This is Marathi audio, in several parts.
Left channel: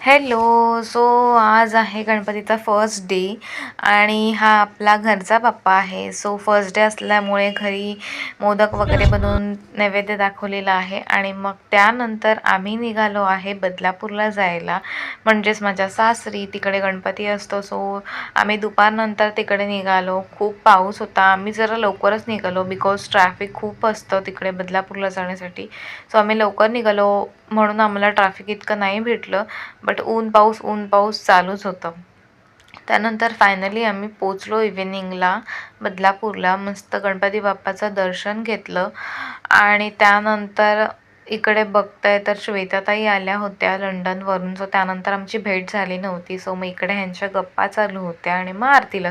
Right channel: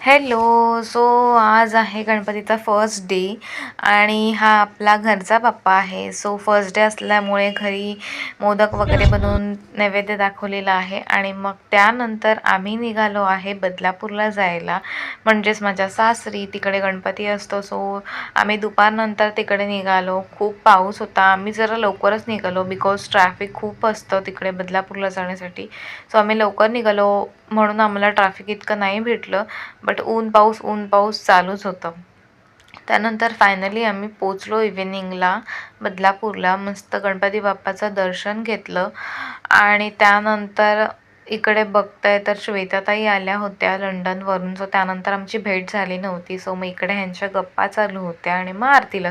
हॅलो सो आज आहे गणपतीचा फर्स्ट डे आणि हा आपला घरचा बाप्पा आहे. सो फर्स्ट डे असल्यामुळे घरी मोदक वगैरे बनवून नैवेद्य दाखवलेला आहे आणि मग त्यानंतर आम्ही निघालो आहे बदलापूरला जायला. म्हणजेच माझ्या सासरी तिकडे गणपती असतो. सो आम्ही दुपारनंतर तिकडे निघालो. खूप पाऊस होता. आम्ही जरा लवकरच निघालो बिकॉज ट्रॅफिक खूप असतं तिकडे बदलापूरला जाण्यासाठी. सो आम्ही लवकर निघालो म्हणून आम्हाला ट्रॅफिक इतकं नाही भेटलं. बट ऊन पाऊस ऊन पाऊस चालूच होतं. त्यानंतर फायनली आम्ही पोचलो इव्हिनिंगला बदलापूरला. मस्त गणपती बाप्पाचं दर्शन घेतलं. आणि त्यानंतर इकडे बघताय तर श्वेताताई आल्या होत्या लंडनवरून. सो त्यानंतर आमची भेट झाली नव्हती. सो मग इकडे ह्यांच्या गप्पा चालू होत्या आणि मग आरतीला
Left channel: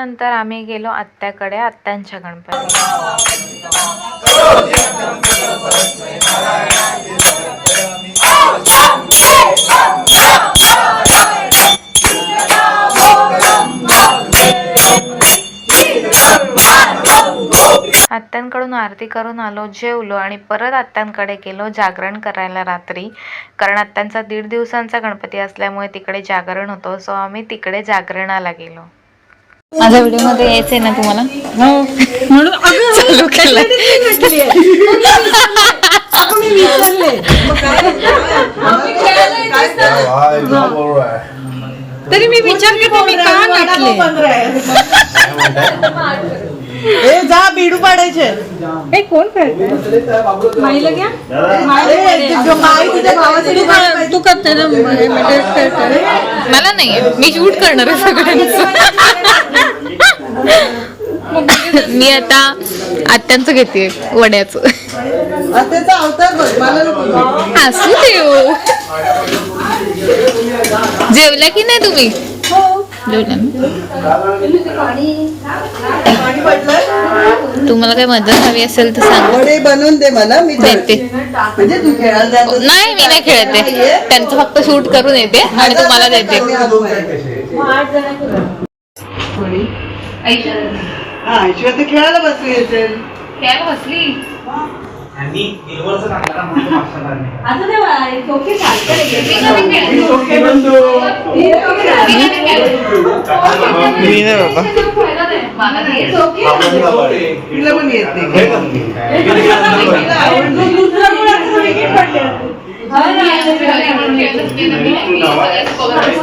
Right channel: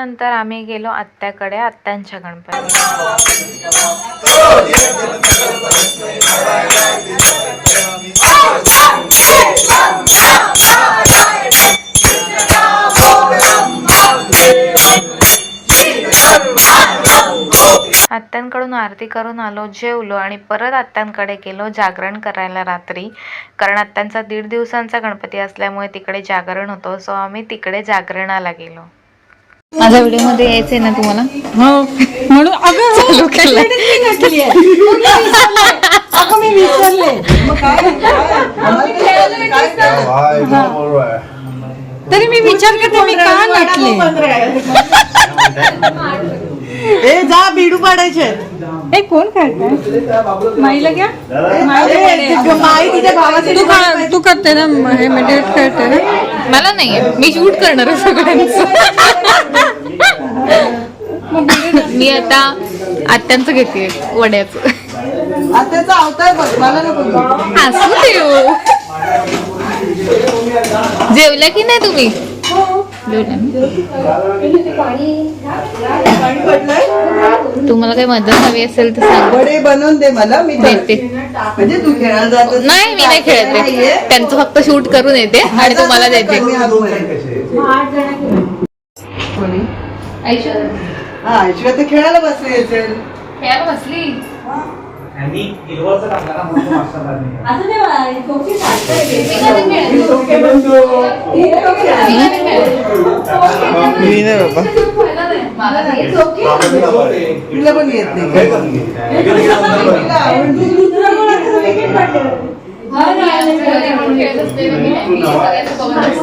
त्यानंतर आम्ही गेलो आत्याकडे आत्यांच्या गणपती आत्यांकडून आरती करून आलो जेवलो आणि परत आत्यांकडे गेलो जागरण करायला रात्री. कारण आत्यांचा दीड दिवसांचा गणपती असल्यामुळे तिकडे जागरण होतो सो आम्ही तिकडे जागरणाला गेलो. माझ्या व्हिडिओमध्ये यायचंय ना तुम्हाला? म्हणून अगं चालू केलंय. आपण मी विसरले मग काय? काय एकदम बरोबर आहे. तरी मी विचार करते मी का नटले? ए जा बिडू पाडायचे. हे कोण काढतंय माईला घ्या. माई तुझ्या भावासाठी तू करते ना मला नाहीये. मी शूट करणार आहे सगळ्यांचं. मी आता आत्यांचं घेते वड्याचं. त्याचा अवतार बघ मला नको. हसू देऊ. जेवल्या की नाही तुम्ही जेवल्या ना पाणी पडलंय तुम्हाला काही मदत हवी असेल तर सांगा. वडे बनवून दे मला मी देते. म्हणजे तू खेळायला. नाही मी नाही खेळते त्यांचं फक्त शूट करून येते आणि तुम्हाला देते. हा तर खेळायला बसली असेल. बसली? आणि इलवरचं टाकला का म्हणतो मागच्या बारने. तिला पण येत नाही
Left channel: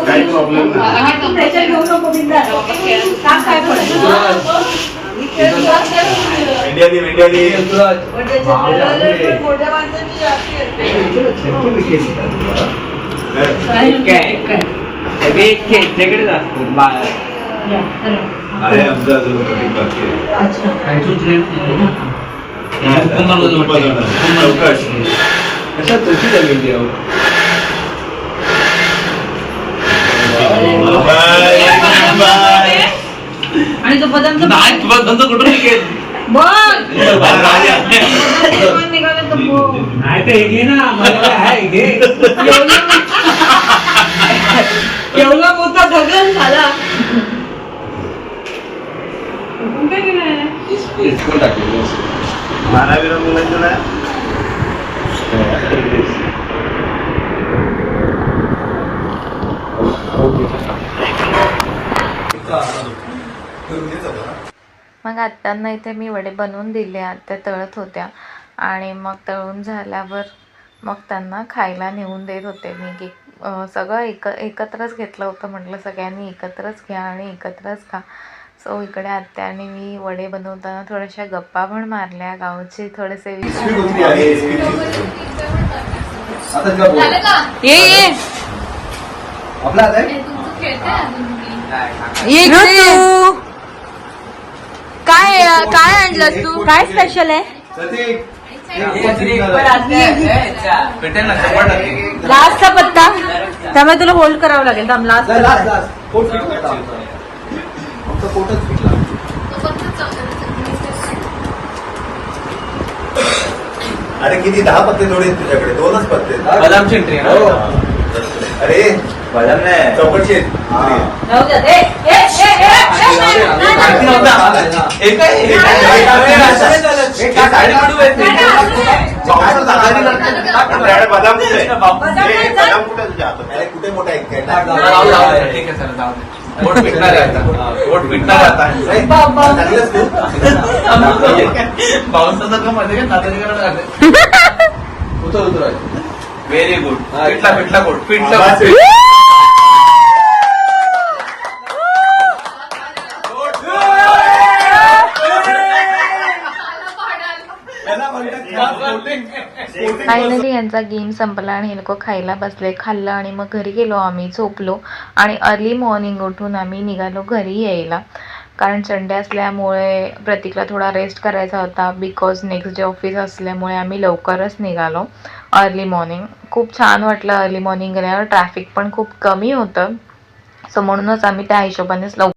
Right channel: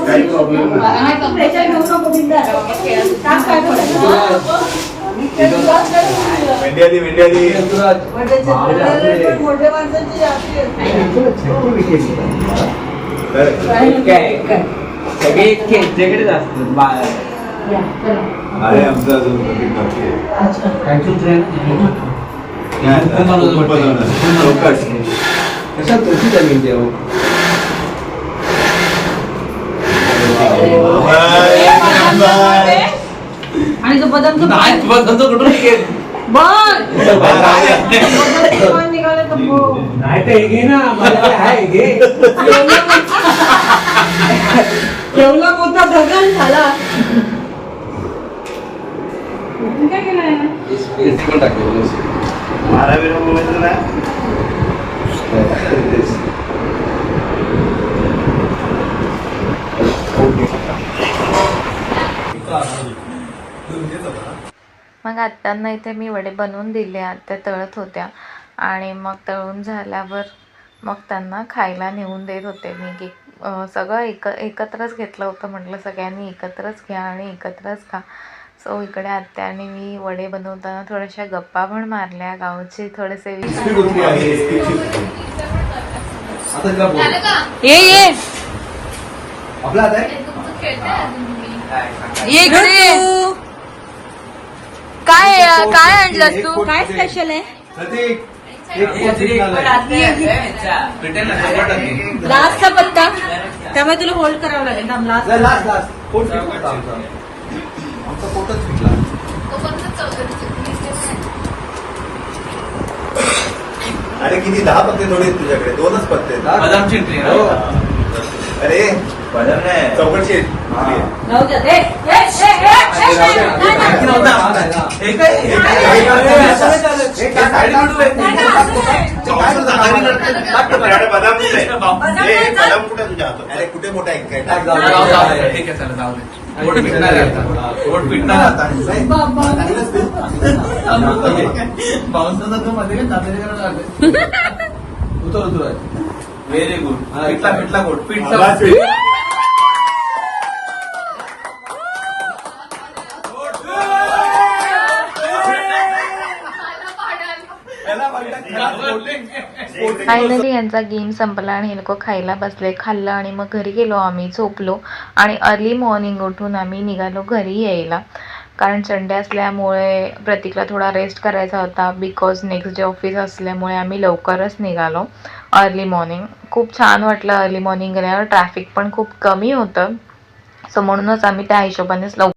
काही प्रॉब्लेम नाही मेंढ्याली मेंढ्याली मोठ्या माणसाची काय सगळे खेळच्याकडेच असतात आहे आमचं अजून meeting बाकी आहे. चौकट बाय. आणि तो तुला धंदा कुठून? नाही तर हे घे ना मला काय आहे, हे घे. केवढा मोठा धगन झाला. बारावीला बोलायचं ना मग आत्यांना इथे मी वडे बनवून दिले आत्या तळत होत्या. आणि मग तळून झाल्यावर मग त्यांना खायला नेऊन देत होते मी की सगळं एक एकत्रच घेतलं होतं. म्हटलं सगळ्यांनी एकत्रच घ्या आणि एकत्रच खा. सो इकडे आत्या आणि मी वडे बनवताना थोड्याशा गप्पा पण मारल्या गावचे थोडेसे ये ये. आपला आता आहे? ये इकडे ये. काय काय आणलं तू? काय स्पेशल आहे? प्रतीक, लास्टचा पत्ता? त्यामुळे तुला होल्ड करावं लागेल थांब लास्ट. अरे किती दहा पत्ते थोडे आहेत तुझ्याकडे. दोनच पत्ते आहेत, हा? बदामची एंट्री हो. अरे. बदल नाही. चौकशी आहे, बदाम? ए, ए, बदाम कुठे मोठा लागलं. उतर उतर व्हेरी गुड पिठला पिठला पोट पिठला फायनली यांचा गेम संपला आणि हे लोक खायला बसले खाल्लं आणि मग घरी गेलो आम्ही झोपलो. आणि अर्ली मॉर्निंग उठून आम्ही निघालो घरी यायला. कारण संडे असल्यामुळे प्रतीकला थोडा रेस्ट करायचा होता. बिकॉज नेक्स्ट डे ऑफिस असल्यामुळे आम्ही लवकरच निघालो अर्ली मॉर्निंग खूप छान वाटलं अर्ली मॉर्निंग गेल्यावर. ट्रॅफिक पण खूप कमी होतं. सो म्हणूनच आम्ही त्या हिशोबानेच लवकर